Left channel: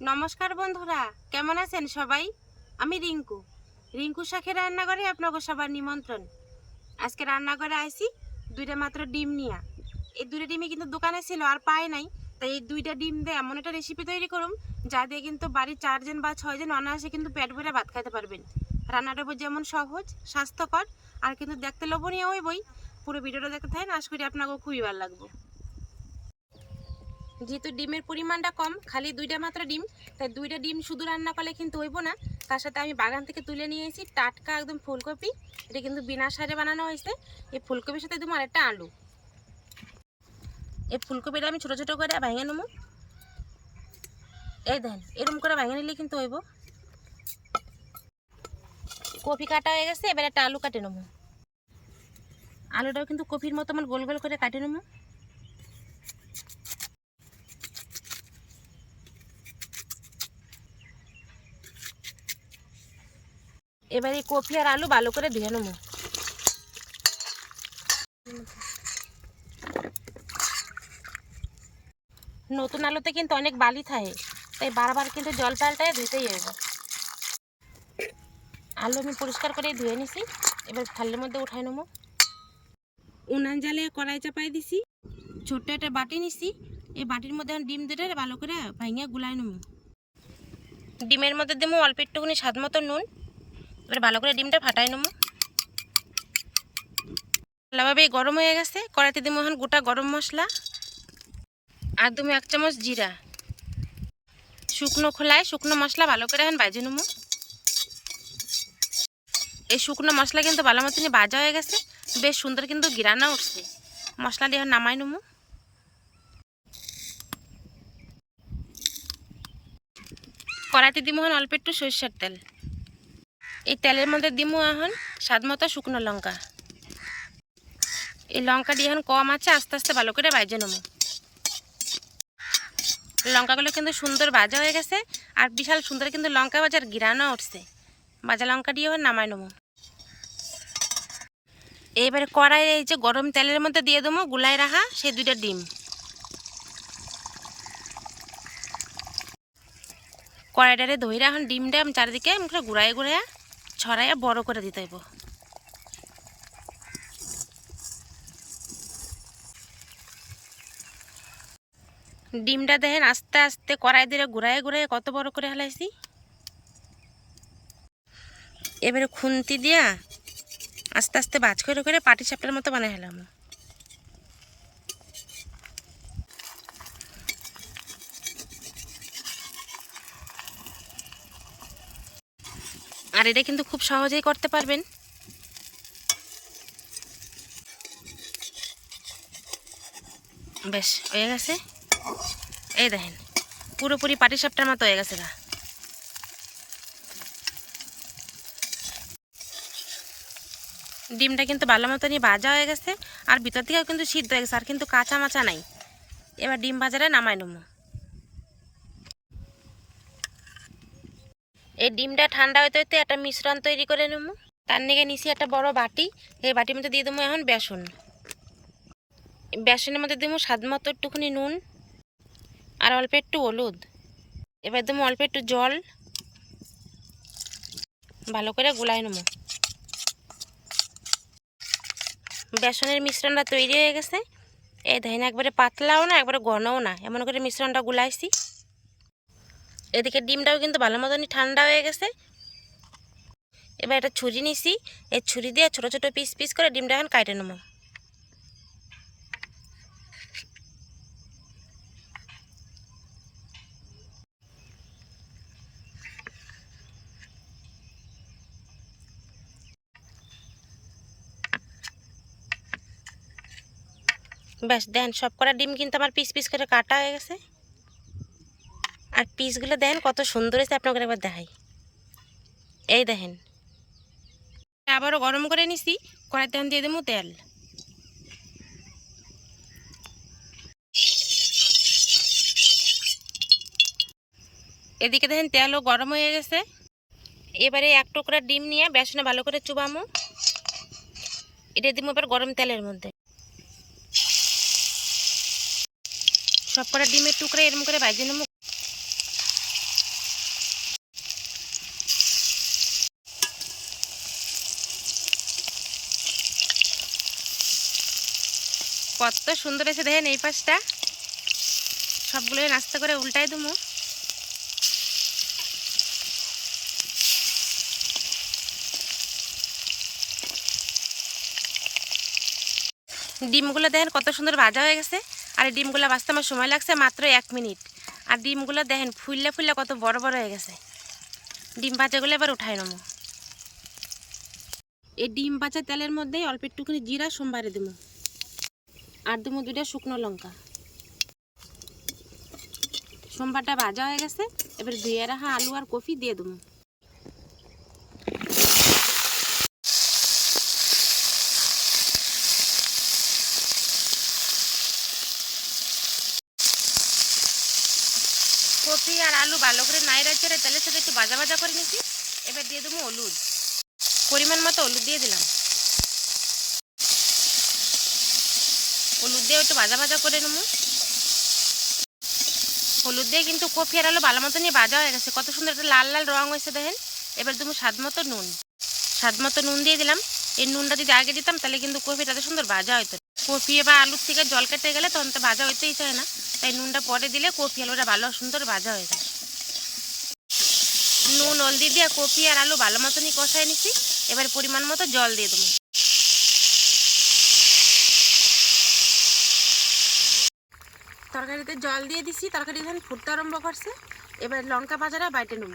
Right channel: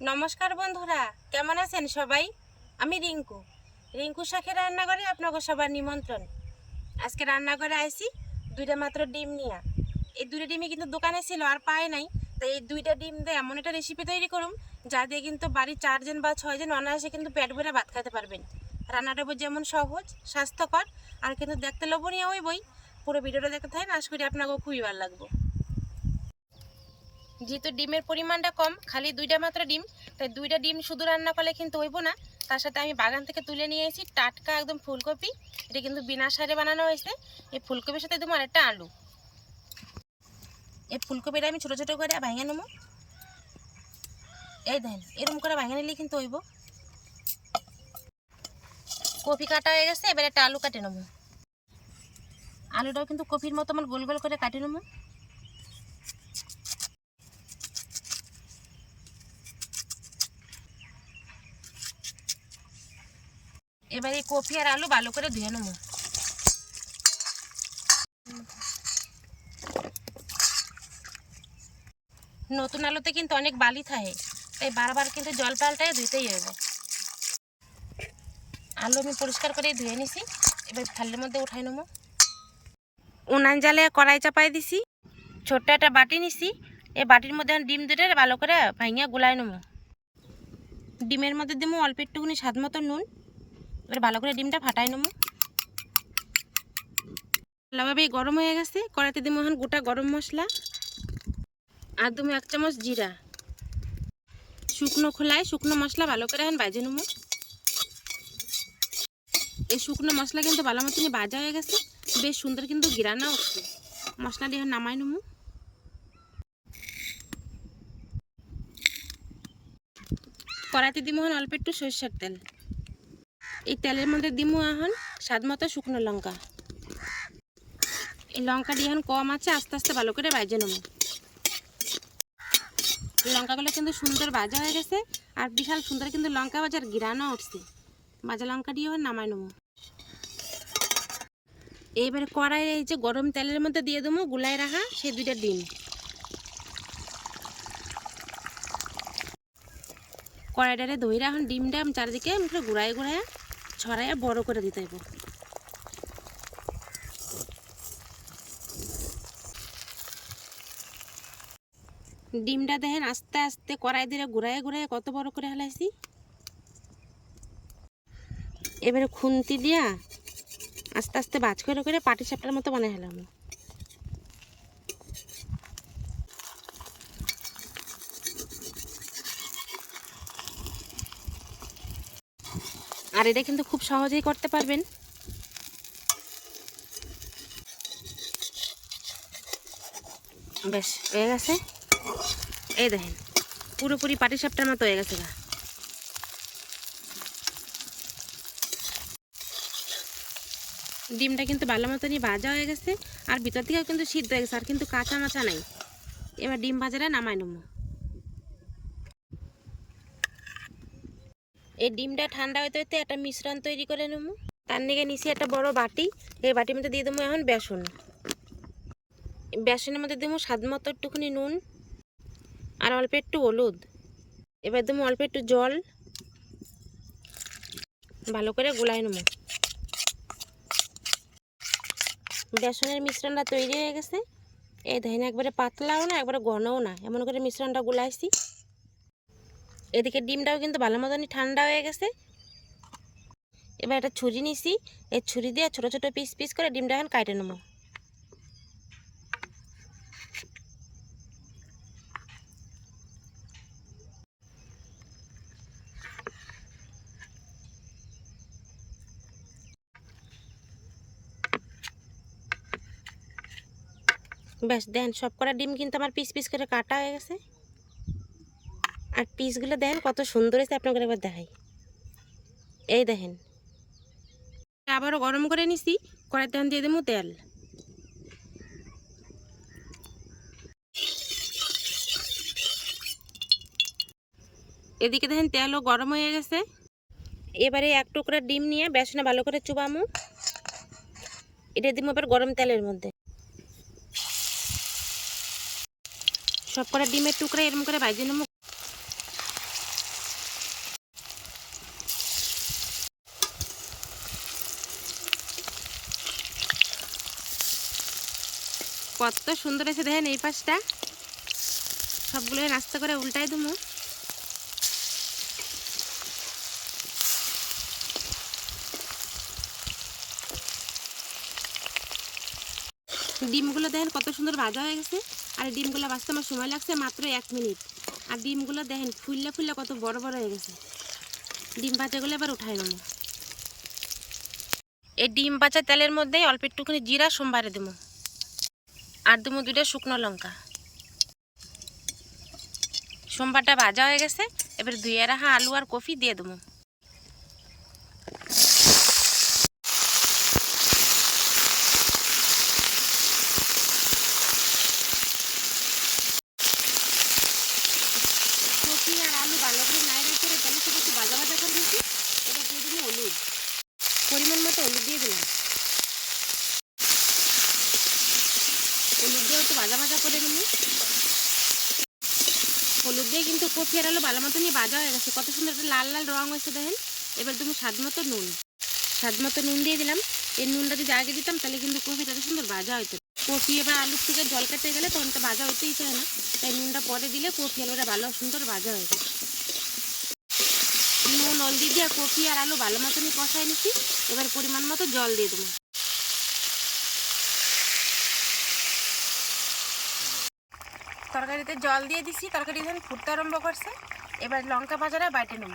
নমস্কার বন্ধুরা, কেমন আছেন সবাই? আমি রিঙ্কু। রিঙ্কু শাখের রান্নাঘরে আপনাকে সবার নিমন্ত্রণ। আজকে রান্নাঘরে আইসি দুইটা মাত্র ডিম নিয়ে। এই দুইটা ডিমই কিন্তু দোকানে ছিল, আর পায় নাই। তাই এই দুইটা ডিম দিয়ে এমন একটা রেসিপি তৈরি করুন যা দিয়ে কিন্তু বাড়ির চারজন বা ছয়জন অনায়াসে কিন্তু পেট ভরে ভাত খেতে পারবেন। রান্নাটা যেমন সহজ, স্বাস্থ্যকর, আর কিন্তু দেখতে লোভনীয় হইবই। পুরো ভিডিওটা দেখতে থাকেন, আশা করি আপনাকেও খুবই ভালো লাগবে। যেহেতু ডিমের পরিমাণটা কম, খালি দুইটা মাত্র ডিম, তাই দুইটা ডিম শুধু রান্না করলে কিন্তু হইব না। তার সাথে আমি বাগান থেকে তুলে নিয়ে এসেছি টাটকা একদম ফুলকপি। এটা কিন্তু বিনা সারে বানানো হয়েছে। এই ফুলকপির সাথে দেবো আরেকটা আলু। এই ফুলকপিটা আমি ছোটো ছোটো করে ভেঙে নেব। এই দেখেন, এরকম করে ভেঙে নিলে কিন্তু হইব। কপি কাটা হয়ে গেছে, এবার একটা আলু কাটে নেব। আলুটাও কিন্তু কপির মতো আমার গোল গোল করে কাটে নেব। এবার এই কপি আর আলু ভালো করে ধুয়ে নেব। নতুন আলুতে কিন্তু অনেক বালি থাকে, তাই বারবার কিন্তু জল পাল্টায় ধুতেই হবে আলু আমি পরিষ্কার করে ধুয়ে নিছি, এবার থালের মধ্যে উঠাই নেব। উনান জালে কড়াই চাপাই দিছি, ছোট্ট একটা বাটি নিছি এই বাটির মধ্যে ডিম দুটো ভালো করে ভাঙিয়া গুলাই নেব। ডিমের মধ্যে দেবো অল্প একটুখানি স্বাদ মতো নুন এবার ভালো করে ডিমটা ফাটাই নেব। ভালোভাবে গরম হয়ে গেছে, কড়াইতে দেবো এখন গোটা গরম মশলা আর দেবো এক চামচ জিরা। শুকনো খোলায় শুকনো মশলা ভালো করে এখন বাজে নেব। এই শুকনো মশলা কিন্তু ভালো মতনই ভাজা হয়ে গেছে, বেশ সুন্দর কিন্তু গিরানা উঠছে। মশলা দিয়ে নামাই নেব। কড়াইতে দিব অল্প একটু সরষের তেল। এই তেলের মধ্যে দিব এখন স্বাদ মতো শুকনো লঙ্কা। এই লঙ্কা দিয়ে এখন কম আছে, আস্তে আস্তে ভালো করে ভাজে নেব। লঙ্কাগুলো কিন্তু সুন্দর ভাজা হয়ে গেছে, আর বিশাল সুন্দর কিন্তু লঙ্কা বাজার গিরানো উঠছে। ভাজা লঙ্কা দিয়ে নামাই নেব। এইবারে কড়াই এই যে গরম তেলের মধ্যে দিয়ে দেবো গুলাই রাখা সেই দুইটা ডিম। কড়াইটারে ধইরা এখন ডিমটা চারিদিকে আমি ঘুরাই ঘুরাইয়া ছড়াইয়া বড় করে দিতে হইব। ডিমটা দেখেন আস্তে আস্তে কড়াই দিয়ে ঘুরাই ঘুরাই কত বড় করে হালাইছি। এবারে খুন্তি দিয়া আস্তে আস্তে বাজ করে করে পাটি সাপটার মতো বানাই হেলাম। আর এটা কিন্তু খুব সহজেই করতে পারবেন। বেশ, হয়ে গেছে। এই দেখেন, পুরোপুরি পাটি সাপটার মতো হয়ে গেছে গা। ডিমটা কিন্তু ভালো মতনই ভাজা হয়ে গেছে, আর ভিতর থেকেও কিন্তু সিদ্ধ হয়ে গেছে, আর কিন্তু কাঁচা মাচা নাই। এবার ডিম ভাজাটা নামাই নেব। এই ডিমটা ঠান্ডা হইতে হইতে একটা মিশ্রণ তৈরি করে নেব। তার নিকে নিচে একটা বড় বাটি। এই বাটির মধ্যে দিয়ে দেবো এখন বেসন। বেসনের মধ্যে দেবো স্বাদ মতো একটুখানি নুন আর অল্প একটু হলুদ। এবার দেবো অল্প একটু জল। ভালো করে গুলাই নেব। বেসনের মিশ্রণটা তৈরি হয়ে গেছে। এই দেখেন একবারে পাতলাও না, একবারে ঘনও না। এমন করে মিশ্রণটা গুলাইছি। এদিকে ডিমটাও কিন্তু ভালো মতনই ঠান্ডা হয়ে গেছে। এবার একটা ছুরি নিছি। এই ছুরি দিয়ে ছোট ছোট পিস পিস করে ডিমটা এখন কাটে নেব। ব্যাস, দেন সব কটা ডিম কিন্তু আমার পিস পিস করে কাটা হয়ে গেছে। আর পিসগুলো দেন কত সুন্দর হয়েছে, আপনাকে একবার দেখাই। এই দেখেন। আবারও গরম করে নিছি কড়াই তেল দিয়ে দেবো তেল। এদিকে দেখেন তেলও গরম হয়ে গেছে। এবারে এক টুকরা ডিম নিয়ে বেসনে ভালো করে চুবামু। এটা দিব এবার গরম তেলের মধ্যে। সব কটা ডিমের টুকরা এরম করে ভাজে নেব। কত সুন্দর এসে দেখেন এই পাশটা। সবগুলো নাস্তা করে উল্টাই দেবো। ডিমগুলো দেখেন কত সুন্দর ভাজা হয়ে গেছে। আর ডিমগুলো বাঁচতে আমার সময় লাগছে মাত্র এক মিনিট। আর ডিমগুলো দেখেন ফুললে ফুললে কত বড় বড় হয়ে গেছে। ডিম ভাজাগুলো এবার উঠাই নেব। এই ডিম ভাজা তেলের মধ্যেই অল্প একটুখানি জিরা, সোমবারে দেবো। আর দেবো দুইটা শুকনো লঙ্কা। সোমবারটা ভাজা হয়ে গেছে, এবার ধুয়ে রাখা আলু আর কফি দিয়ে দেবো কপি আর আলু ভালো করে নাইরা চেড়ে তেলের সাথে একটু ভাজা ভাজা করে নিছি এবার দিয়ে দেবো হলুদ। পরিমাণ মতো হলুদ দিয়ে দিলাম। হলুদ দিয়ে একটু ভাজা ভাজা করে নেব। হলুদ দিয়ে কিন্তু কফি আর আলু ভালো মতো নিয়ে ভাজা হয়ে গেছে। কত সুন্দর একটা লাল লাল রং হয়েছে দেখেন। এবার তুমি স্বাদ মতো নুন। স্বাদ মতো নুন দিয়ে দিলাম। এই নুনটা যদি আগে দিতাম তাহলে কিন্তু কফিটা সুন্দর ভাজা হতো কফি বা আলুর থেকে জল কেটে গেলে তখন তো ভাজা হইতেই চায় না। তাই নুনটা পরে দিলে কফি আলুটা ভালো সুন্দর ভাজা হয়ে যায়। নুন হলদি দিয়ে কফি আর আলু ভালো মতনই কষাই নিচ্ছি এবার পরিমাণ মতো জল দিয়ে দেবো। তরকারিতে জল দিয়ে দিছি, তরকারি ধান ফুটতে আরম্ভ করছে। এবার লঙ্কা বাজারে বাইটে নেব।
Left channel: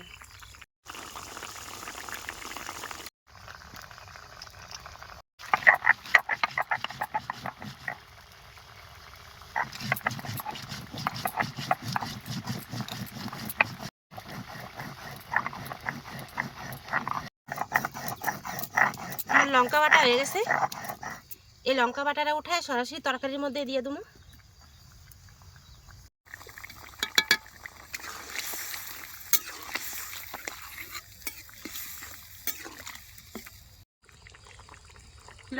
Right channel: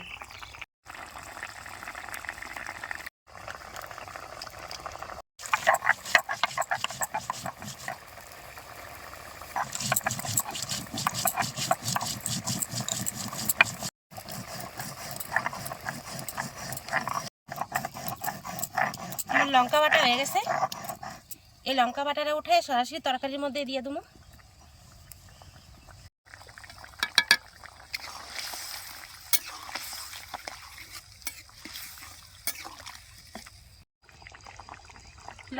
লঙ্কা বাটা হয়ে গেছে। এই লঙ্কা বাটাটা উঠায় সরাসরি তরকারির মধ্যে দিয়ে দেবো।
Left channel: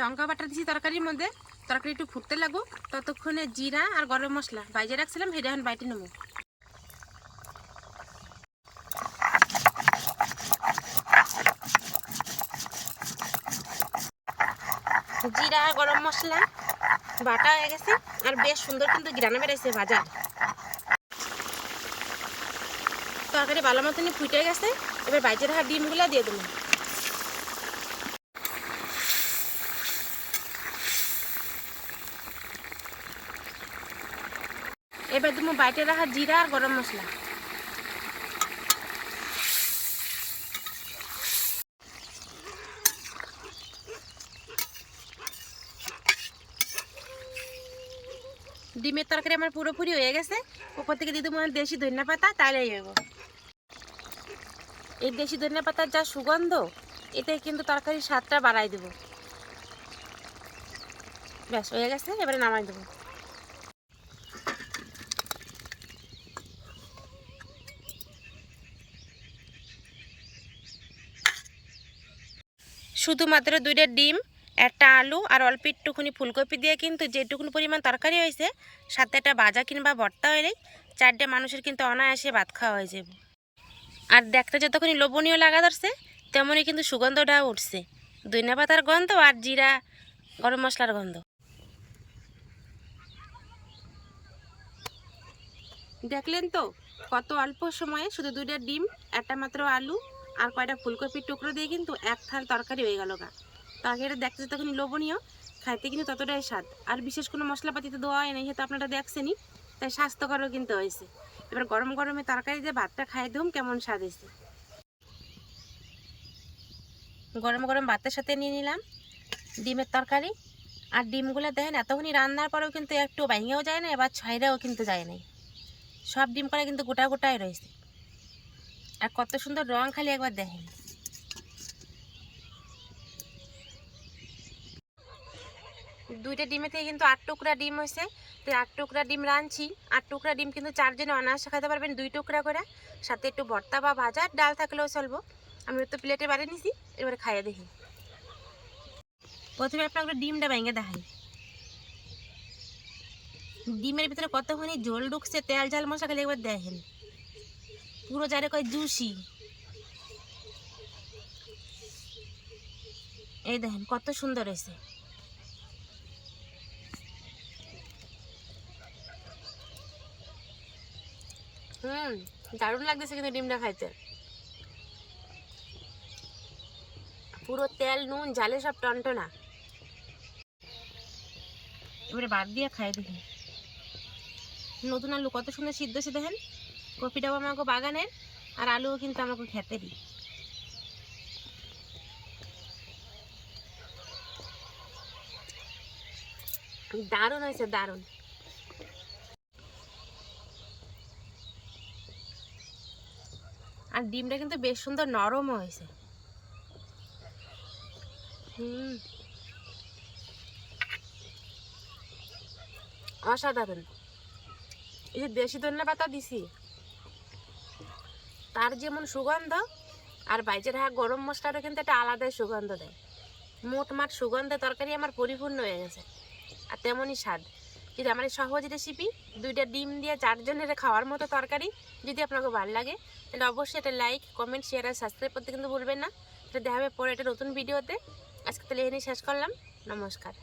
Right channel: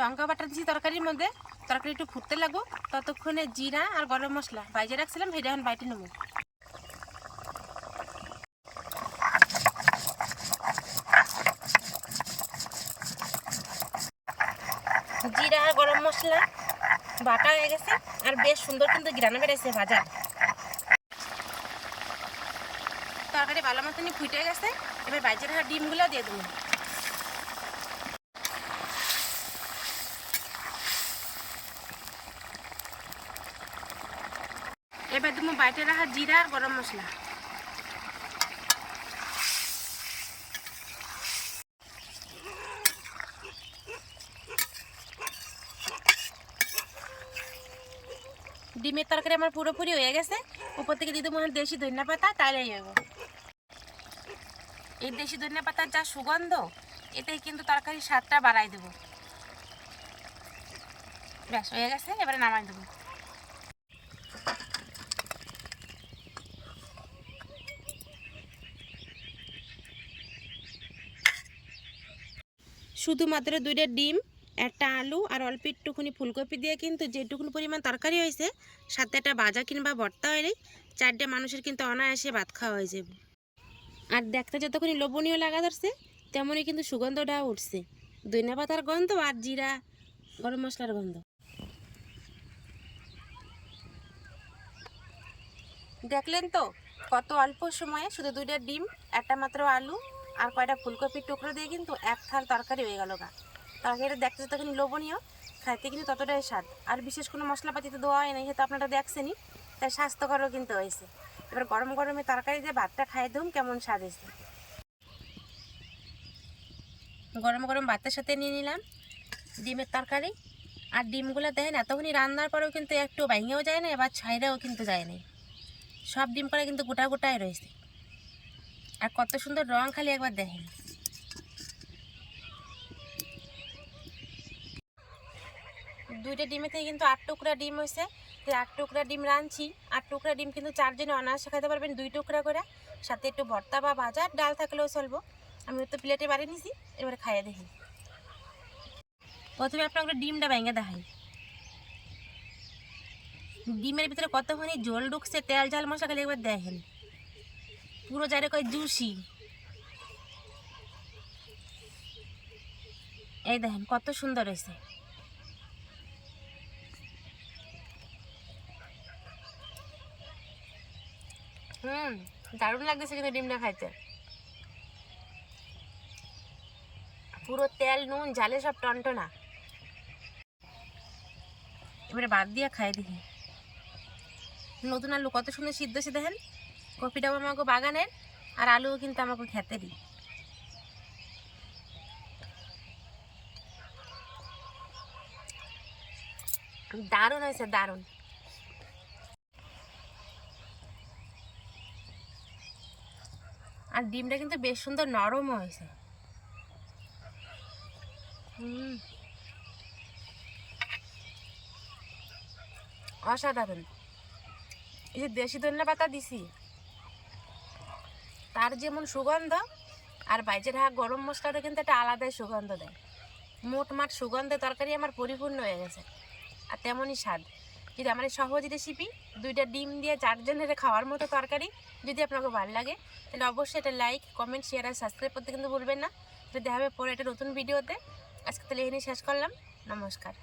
লঙ্কা বাটা দিছি তরকারির মধ্যে। তরকারি একটু ফুটতে লাগুক। ততক্ষণে জিরা আর গরম মশলা। বাইজে রাখছিলাম সেটা এখন বাইটে নেব। জিরা আর গরম মশলা, বাটা হয়ে গেছে। আর বেশ সুন্দর কিন্তু গ্রানে বেড়েছে বাজার তরকারি ভালো মতনই ফুটে গেছে। এবার বাইজে রাখা ডিমগুলো দিয়ে দেবো। এবার তুমি বাইটে রাখা জিরা আর গরম মশলা। ডিমের তরকারি আমার পুরোপুরি হয়ে গেছে। উপর থেকে দিতে মনে দেশি ধনিয়া পাতা, তাহলেই হইব। এই দেশি ধনিয়া পাতার যা সুগন্ধ, এতে কিন্তু তরকারির স্বাদটা বাড়াই দেব। ব্যাস, হয়ে গেছে, এবারে নামাই দেবো। শুধুমাত্র দুইটা ডিম, একটা আলু আর অল্প একটুখানি ফুলকপি দিয়ে কিন্তু যেটুকুনি পরিমাণ তরকারি হয়েছে, সাথে একটা ভাজা কিংবা ভর্তা হলেই চারটে মানুষের কিন্তু অনায়াসে ভাত খাওয়া হয়ে যাবে। আর দেখতে যতক্ষণই লোভনীয় লাগা ধরছে, তেমনই কিন্তু সুগন্ধটাও উঠছে। ধনিয়া পাতার গন্ধ আর জিরা, গরম মশলার গন্ধ। দেখলেন তো, কত অল্প সময়ে শুধু দুইটা ডিম, একটা মাত্র আলু আর কয়টা ফুলকপির টুকরো দিয়ে কিন্তু এক থাল তরকারি হয়ে গেল গা। তরকারিটা দেখতে তখন লোভনীয়, খাইতে কিন্তু ততটাই স্বাদ। আর বিশেষ কোনো মশলাপাতি তো দেওয়া হয় নাই সেটা আপনারা দেখছেনই, তাই স্বাস্থ্যকরও কিন্তু হয়েছে। এবার গরম গরমে তরকারি দিয়ে ভাতটা খাই দুম কেমন স্বাদ হয়েছে। গরম গরম ভাতের সাথে নিয়ে নিলাম ডিমের তরকারি। আর ডিমগুলো দেখেন, এতক্ষণই রান্নার পরেও কিন্তু একটু ভেঙেও যায় না, এবার ছাইরাও কিন্তু যায় না। সব ডিম করা কিন্তু গোটা গোটাই রয়েছে। আর কত সুন্দর রং খালি একবার দেখেন। দুইটা ডিমে থেকে কিন্তু আট টুকরা ডিম হয়েছে। তো আট টুকরা ডিম রাঁধছি। আট টুকরা ডিম কিন্তু চারজনে অনায়াসে খাইতে পারবেন দুই টুকরা করে। সাথে একটু ভর্তা বা ভাজা, আর ডাল থাকলেও চলবো। আমি তো প্লেটে বাড়ি নিছি, এবারে খাইয়ে দেখি। প্রথমে আপনাকে ডিমটা ভেঙে দেখাই। ডিমের ভিতরে কতখানি জল ঢুকছে, তেল, ঝাল মশলা খালি একবার দেখেন। পুরো যারে কয় দুষি। এই দেখেন কত সুন্দর হয়েছে। হুম দারুণ লাগতেছে কিন্তু ডিমটা খাইতে। পুরো তেল নুন জালে সব টনটনা। এবারে বাদ দিয়ে খাই দেখি। নতুন আলু কত সুন্দর সিদ্ধ সে দেখেন। কপিটাও আমাকে বাগানের, আর আলুও কিন্তু আমাকে খেতেরই। দারুণ হয়েছে, দারুণ। আর ডিমটা কিন্তু বেশ সুন্দর নরমও হয়েছে। হুম। অসাধারণ। এই যে দেশি ধনিয়া পাতা দিছি। তার যেমন সুগন্ধ, আর বাইচের হাঁক গরম মশলাটা কিন্তু একটা আলাদাই সুগন্ধ দেয়। মোটমাট সুগন্ধে তরকারি আমার পরিপূর্ণ হয়ে গেছে, আর তেমনই স্বাদ। যদি আমার সহজ রেসিপি দুইটা ডিম দিয়ে চারজনের খাওয়ার মতো তরকারি যদি আপনাকে ভালো লাগে, তাহলে অবশ্যই এটা লাইক কমেন্ট শেয়ার আর সাবস্ক্রাইব করতে কিন্তু ভুলবেন না। এটা দেখা হবে পরে একটা নতুন ভিডিওতে আজকে তাহলে এখানে শেষ করলাম। নমস্কার।